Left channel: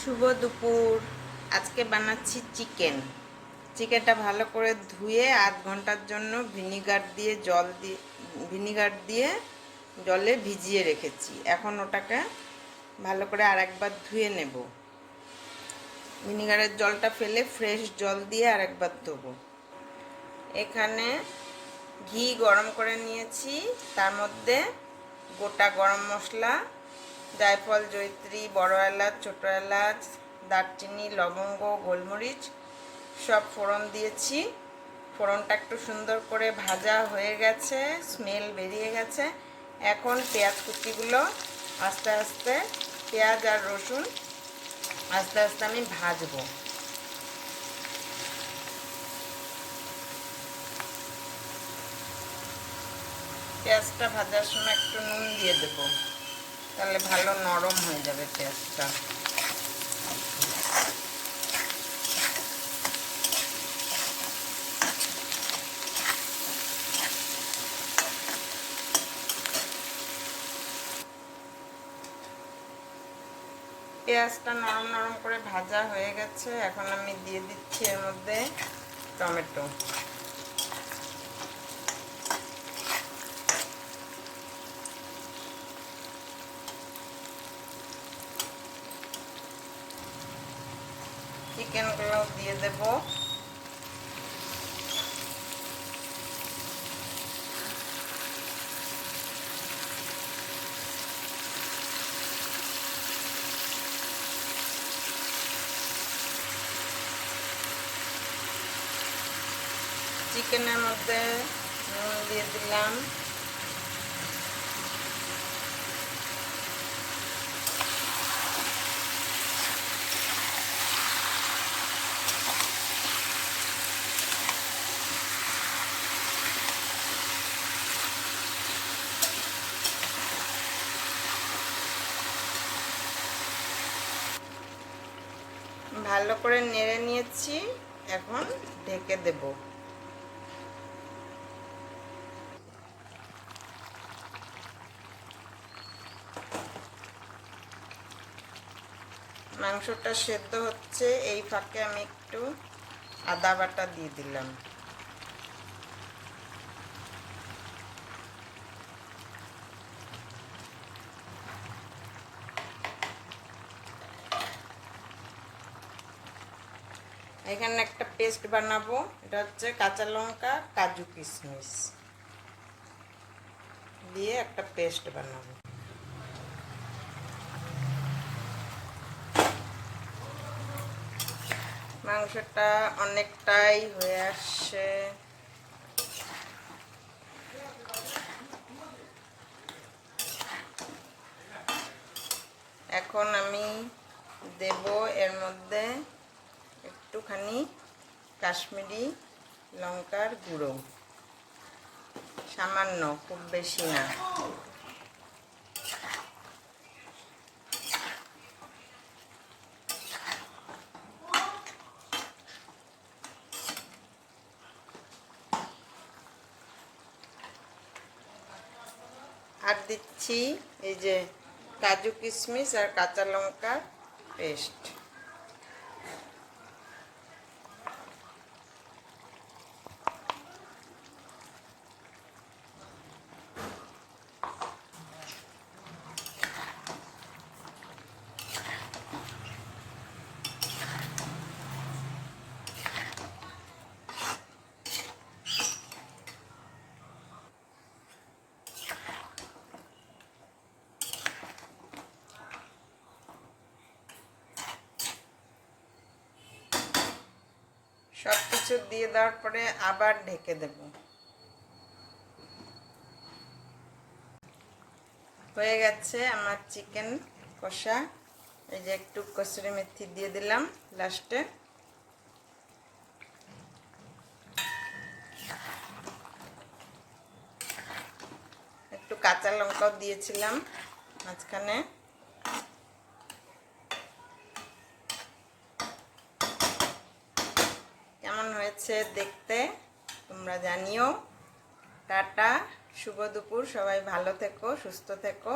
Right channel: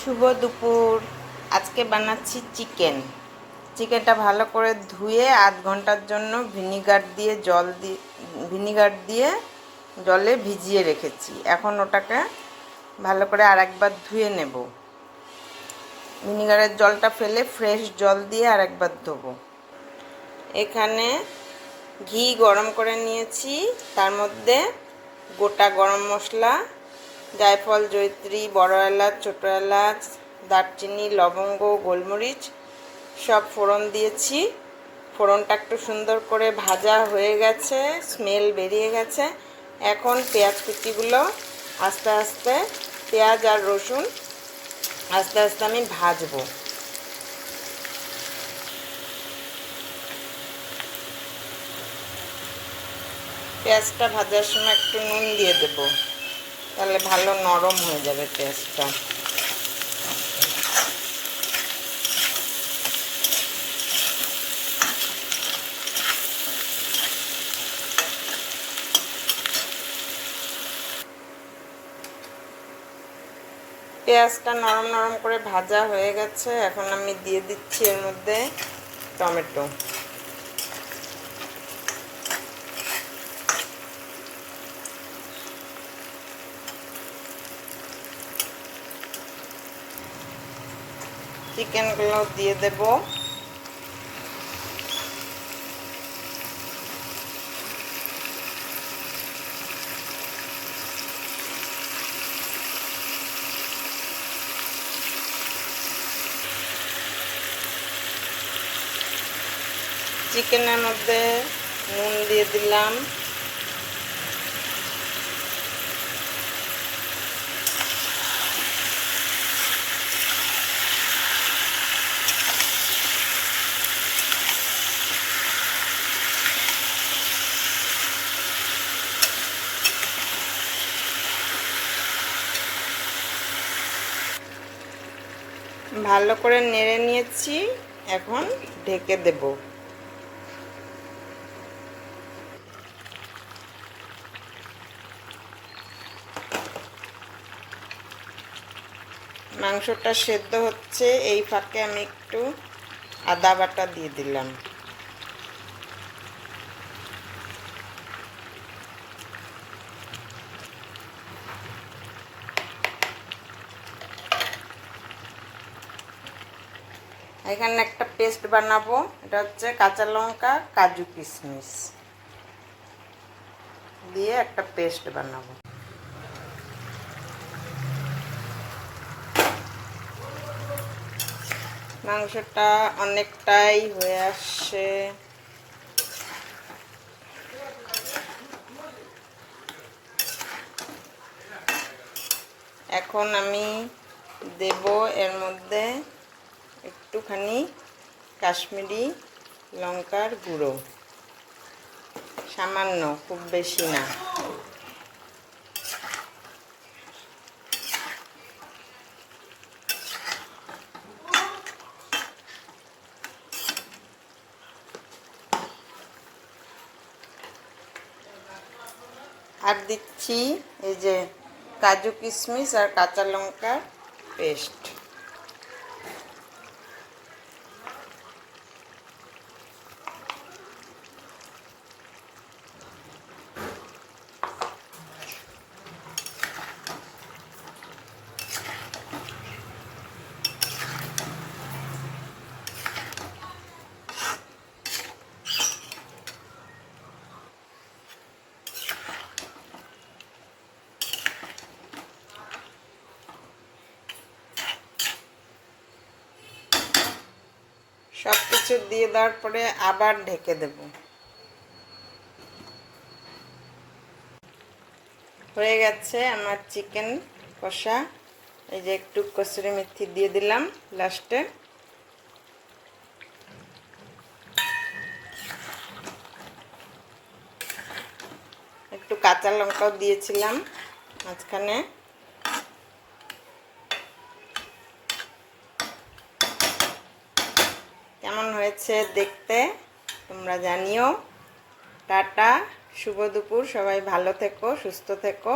শুভ দুপুর। আজকে বানাচ্ছি চিকেনটা ভালো করে ধুয়ে আধ ঘন্টার জন্য ভিনিগার দিয়ে জলে ভিজিয়ে রেখেছি। এখন ওটাকে ভালো করে আরেকবার ধুয়ে নেব। ভিনিগারের জলটা ফেলে ফ্রেশ জল দিয়ে আরেকবার ধোবো। এখানে ঘি গরম করে নিয়েছি, তার মধ্যে গোটা গরম মশলা, জায়ফল, জয়িত্রী, বড় এলাচ, ছোটো এলাচ, দারচিনি, লবঙ্গ, গোলমরিচ সব ফোড়ন দিয়েছি। ফোড়নটা একটু সুন্দর করে ভাজা হয়ে গেছে, স্মেল বেরিয়ে গেছে। এখন পেঁয়াজ কুচিগুলো আস্তে আস্তে, পেঁয়াজ আর রসুন আস্তে আস্তে আমি ভাজবো। পেঁয়াজটা ভাজার সময় একটু নুন দিয়ে দেব, তাহলে ভালো নরম হয়ে যাবে পেঁয়াজটা। পেঁয়াজটা নরম নরম করে ভাজা হয়ে গেছে। এখন আমি দিয়ে দিচ্ছি এর মধ্যে টমেটো। চিকেনগুলো দিয়ে দেব। চিকেনের মধ্যে নুন দিয়ে দিলাম, ভালো করে নেড়ে নিয়েছি। এখন ঢেকে দেব। মাংসটা সেদ্ধ হচ্ছে, এই ফাঁকে আমি একটু আদা বাটা দিয়ে দিলাম। এখানে একটা পেস্ট বানাবো, এটা হচ্ছে কাঁচা লঙ্কা, কাজু, কিশমিশ দিয়ে একটা পেস্ট বানাবো। মাংসটা অনেকটাই হয়ে আসছে। এখন আমি দেব এর মধ্যে একটুখানি কাশ্মীরি লঙ্কার গুঁড়ো, সামান্য, খুব বেশি না। আর দিচ্ছি এই যে কাজু, কিশমিশ আর কাঁচা লঙ্কার পেস্ট। সব কিছু দিয়ে দেওয়ার পরে আবার ঢেকে দেব। হয়ে গেছে আমার চিকেন কষা। এই যে একটু কসুরি মেথি দিয়ে দিলাম লাস্টে। একটু কাঁচা লঙ্কাও দিয়েছিলাম মাঝখানে। কেমন হয়েছে দেখতে তোমরা জানিও। টাটা, শুভ দুপুর, সবাই ভালো থেকো, সুস্থ থেকো।